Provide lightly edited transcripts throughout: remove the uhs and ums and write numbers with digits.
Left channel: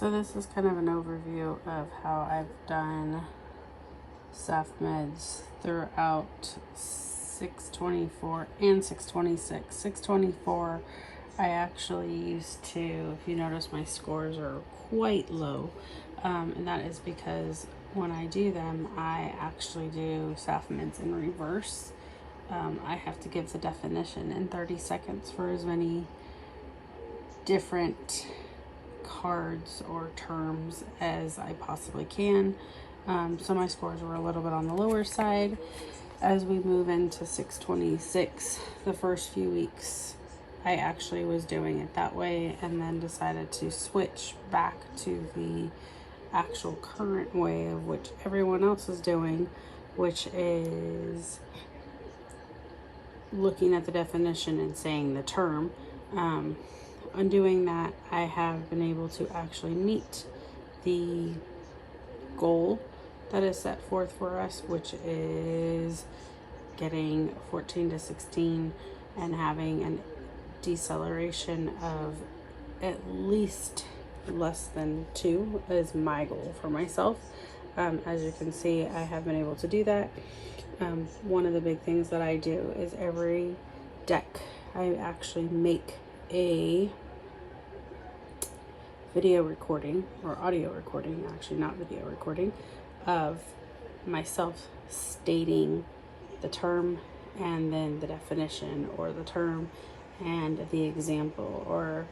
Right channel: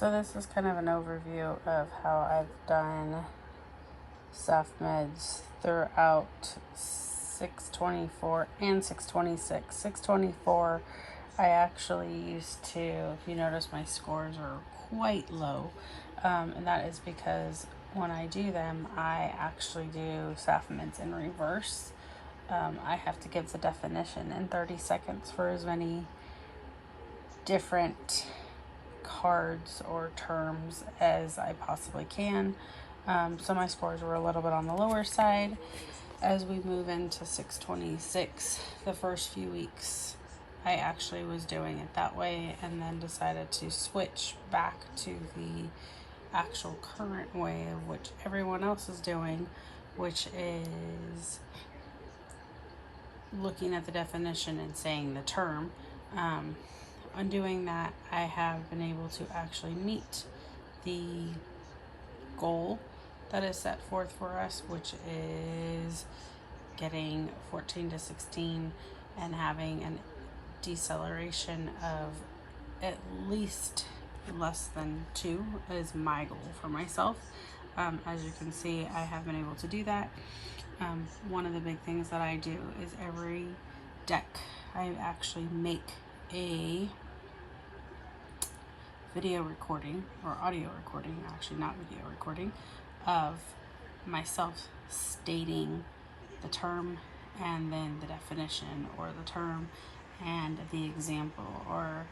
So this is kind of an overview of how I've done Safmeds throughout 624 and 626. 624, I actually used to, if you notice, my scores are quite low, and that is because when I do them, I actually do Safmeds in reverse. I have to give the definition in 30 seconds for as many different cards or terms as I possibly can. So my scores were a little bit on the lower side. As we move into 626, the first few weeks, I actually was doing it that way and then decided to switch back to the actual current way of which everyone else is doing, which is looking at the definition and saying the term. On doing that, I have been able to actually meet the goal that is set forth for us, which is getting 14 to 16 and having a deceleration of at least less than 2 is my goal for myself. As you can see, I have been able to do that. One of the big things that I do is every deck, I actually make a video recording or audio recording, actually not video recording, of myself stating the term and then the definition, or the term and the example, or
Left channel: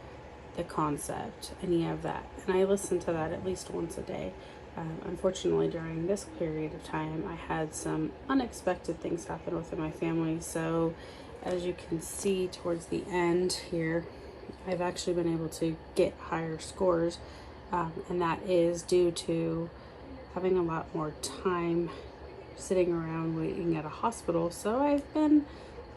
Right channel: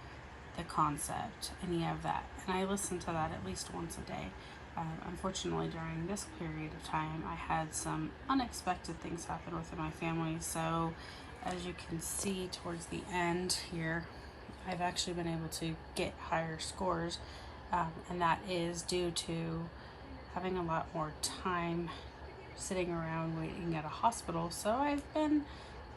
the concept, any of that. And I listen to that at least once a day. Unfortunately, during this period of time, I had some unexpected things happen within my family. So as you can see towards the end here, I've actually been able to get higher scores. And that is due to having a lot more time sitting around waiting at a hospital. So I've been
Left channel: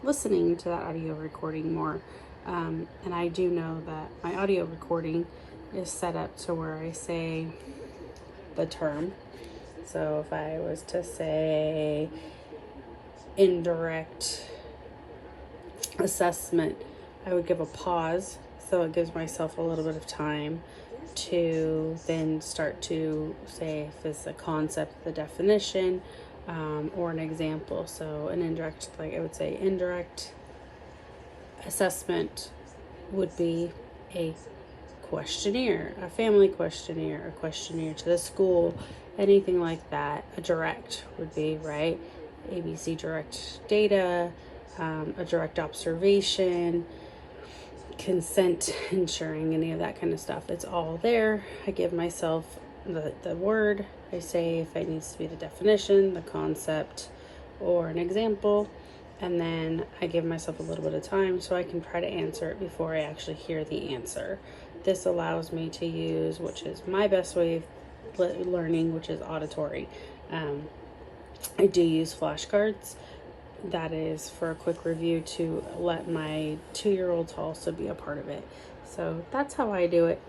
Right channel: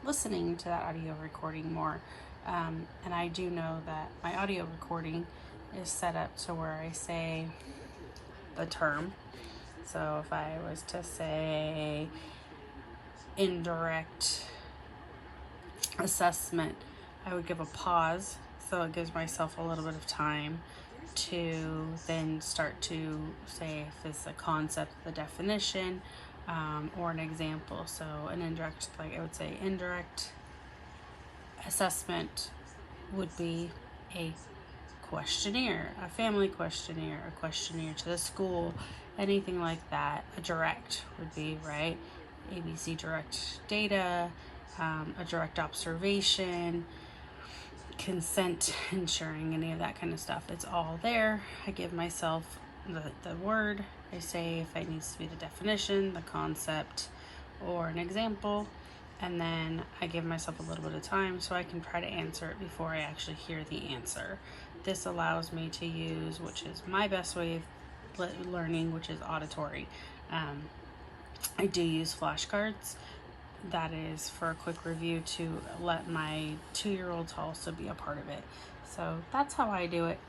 listening to that audio recording more. And I do know that my audio recording is set up to where I say the term. So if I was to say indirect assessment, I would give a pause, so it gives myself a little bit of time to then start to say if it's a concept, the definition, or an example. So an indirect, like I would say indirect assessment would be a questionnaire, a family questionnaire, a questionnaire to the school, anything like that. A direct would be, right, ABC direct data, a direct observation, consent, ensuring, any of that kind of stuff. It's all there. I give myself the word. I say if it needs to be the definition, the concept, or an example, and then I give myself a little bit of time so I can try to answer it before I actually hear the answer. This allows me to use, which is my best way of learning, which is auditory. I do use flashcards. That is for a quick review to let my 2-year-olds also be a part of it. So that's how I do it.